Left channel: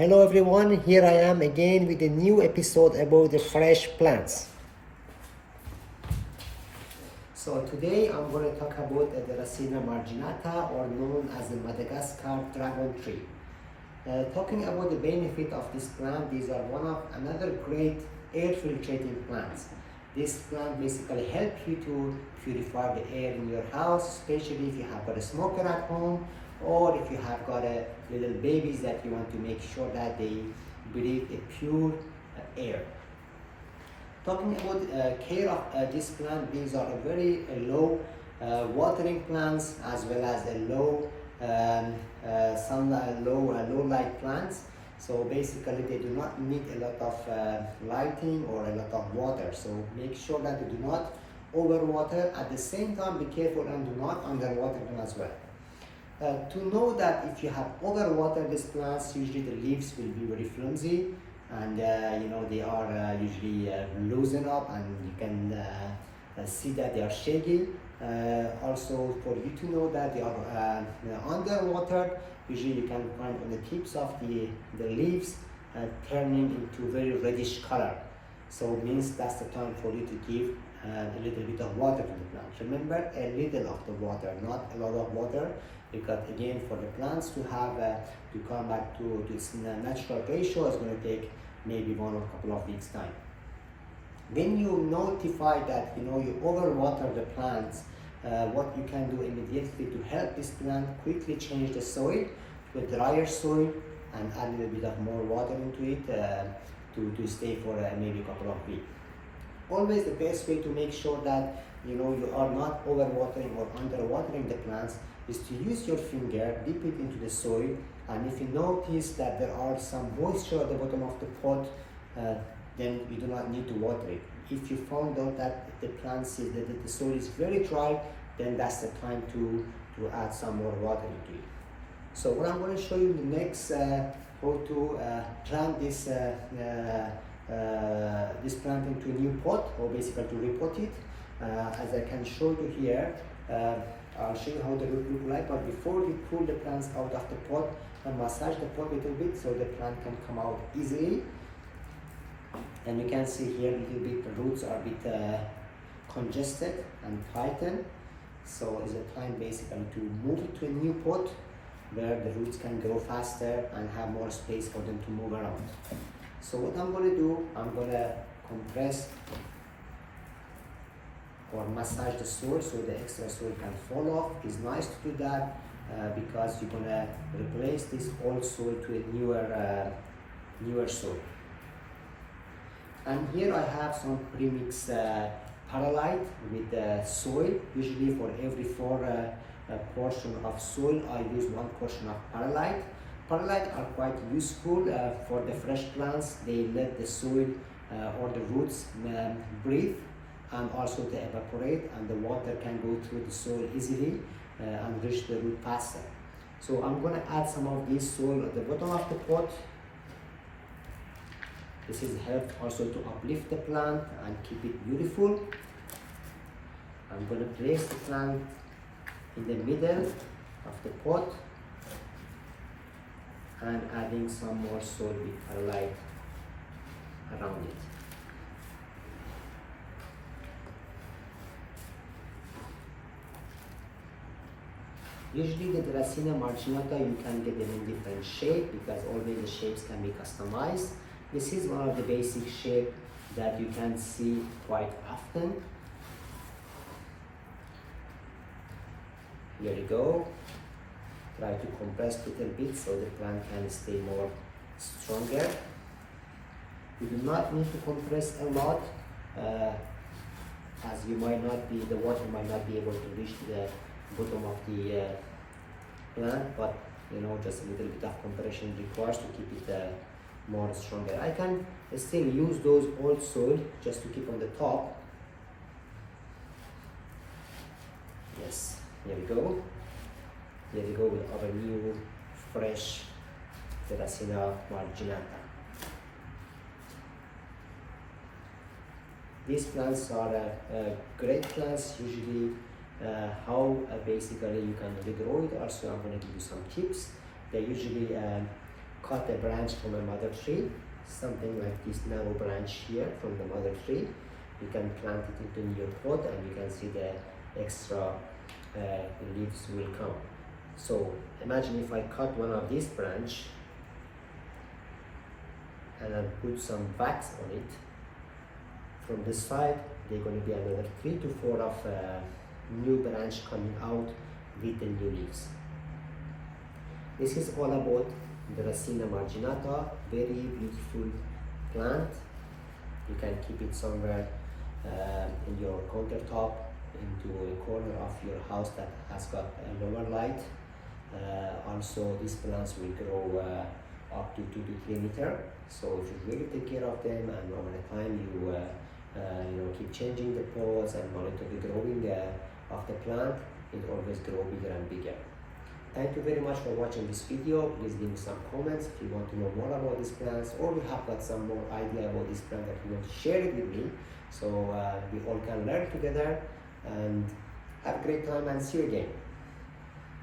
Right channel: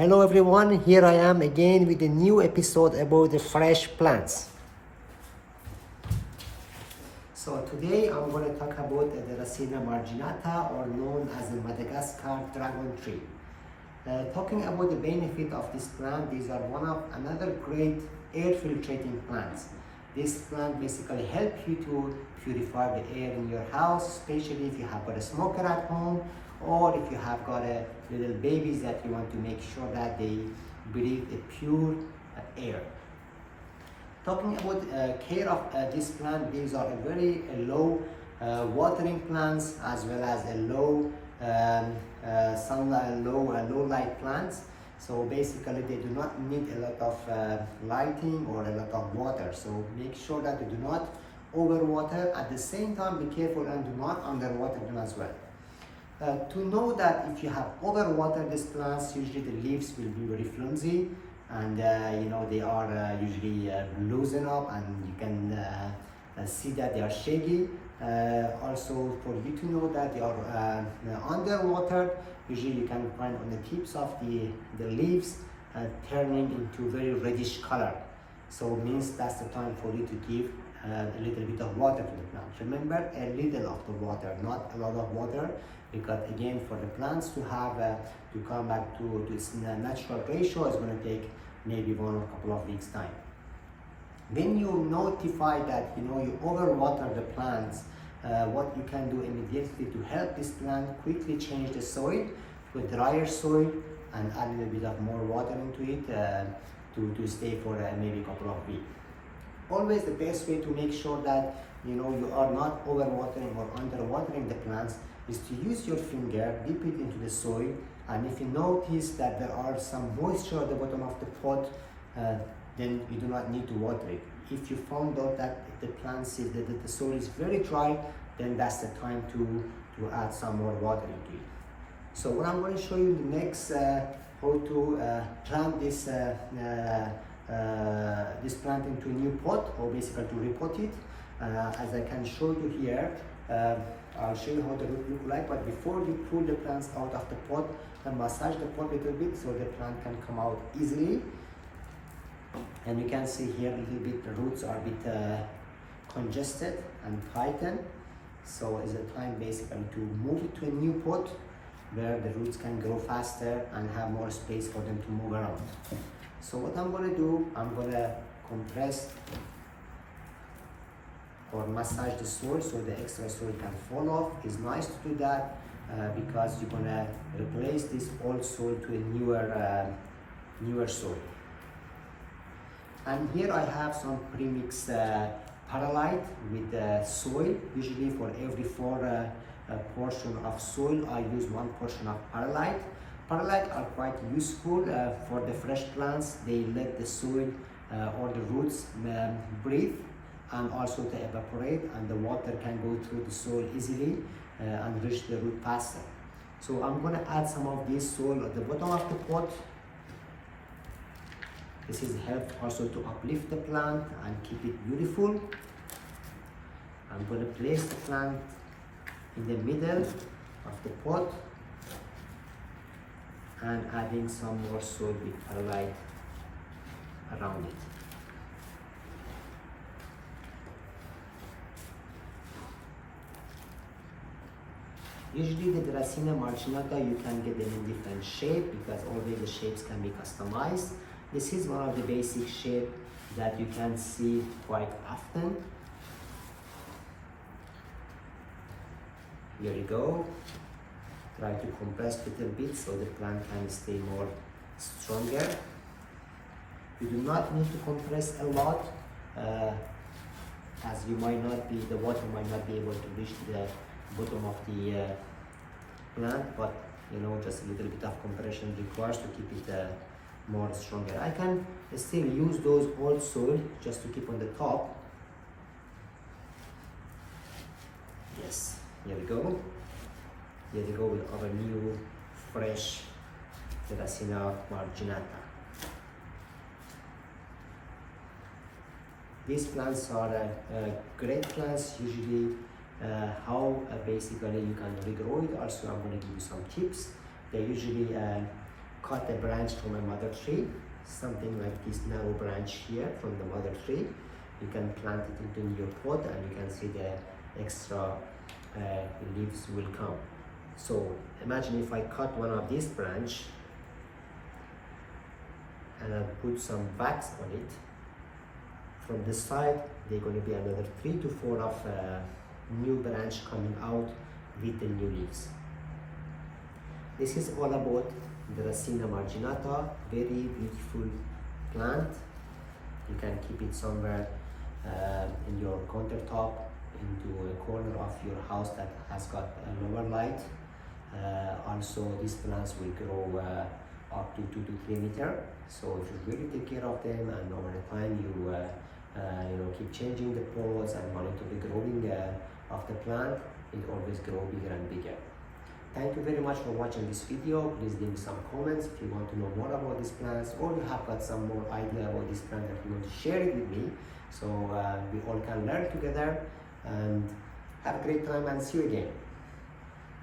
Hello everyone, here I am again with a new episode about the fresh plants. So today I'm going to talk about the Deracaena Marginata, or known as the Madagascar dragon tree. Talking about the benefit of this plant, these are another great air filtrating plants. This plant basically helps you to purify the air in your house, especially if you have got a smoker at home, or if you have got a little babies that you want to make sure that they breathe a pure air. Talking about care of this plant, these are a very low watering plants, as well as a low sunlight, low light plants. So basically they do not need a lot of lighting or a lot of water. So make sure that you do not overwater. At the same time, be careful and do not underwater them as well. To know that if you have overwatered these plants, usually the leaves will be very flimsy, and they are usually loosen up, and you can see that they are shaggy. Also, for you to know that they are underwater, usually you can find on the tips of the leaves turning into very reddish color. So it means that's the time for you to give a little bit of water to the plant. Remember, a little of the water, not a lot of water, because again, for the plants to have to come back to its natural ratio is going to take maybe 1 or a couple of weeks time. When you notify that you overwater the plants, what you can do immediately to help this plant quickly change the soil to a drier soil and add a little bit of more water into it to stay for maybe a couple of weeks. Always the best way to make sure that you are not overwatering or underwatering the plants is to use your finger, dip it into the soil, and if you notice that there are some moisture at the bottom of the pot, then you do not need to water it. If you found out that the soil is very dry, then that's the time to add some more water into it. So what I'm going to show you next, how to plant this plant into a new pot, or basically to repot it. As I can show you here, I'll show you how the root look like, but before you pull the plants out of the pot, and massage the pot a little bit so the plant can come out easily. And you can see here a little bit the roots are a bit congested and tightened. So it's a time basically to move it to a new pot where the roots can grow faster and have more space for them to move around. So what I'm going to do, I'm going to compress or massage the soil so the extra soil can fall off. It's nice to do that because you're going to replace this old soil to a newer soil. And here I have some premixed perlite with soil. Usually for every 4 portion of soil, I use 1 portion of perlite. Perlite are quite useful for the fresh plants. They let the soil or the roots breathe and also to evaporate, and the water can go through the soil easily and reach the root faster. So I'm going to add some of this soil at the bottom of the pot. This is helped also to uplift the plant and keep it beautiful. I'm going to place the plant in the middle of the pot and adding some more soil with perlite around it. Usually the Deracaena Marginata, you can get them in different shape because always the shapes can be customized. This is one of the basic shapes that you can see quite often. Here you go. Try to compress a little bit so the plant can stay more stronger. You do not need to compress a lot, as the water might not be able to reach the bottom of the plant, but just a little bit of compression requires to keep it more stronger. I can still use those old soil just to keep on the top. Yes, here we go. Here we go with our new fresh Deracaena Marginata. These plants are great plants. Usually how basically you can regrow it. Also, I'm going to give you some tips. They usually cut a branch from a mother tree, something like this narrow branch here from the mother tree. You can plant it into your pot and you can see the extra leaves will come. So imagine if I cut one of these branch and I put some wax on it. From this side, there are going to be another 3 to 4 of new branch coming out with the new leaves. This is all about Deracaena marginata, very beautiful plant. You can keep it somewhere in your countertop, into a corner of your house that has got a lower light. Also, these plants will grow up to 2 to 3 meters. So if you really take care of them, and over the time you keep changing the pots and monitor the growing of the plant, it always grow bigger and bigger. Thank you very much for watching this video. Please leave me some comments if you want to know more about these plants, or you have got some more idea about this plant that you want to share it with me, so we all can learn together. And have a great time and see you again.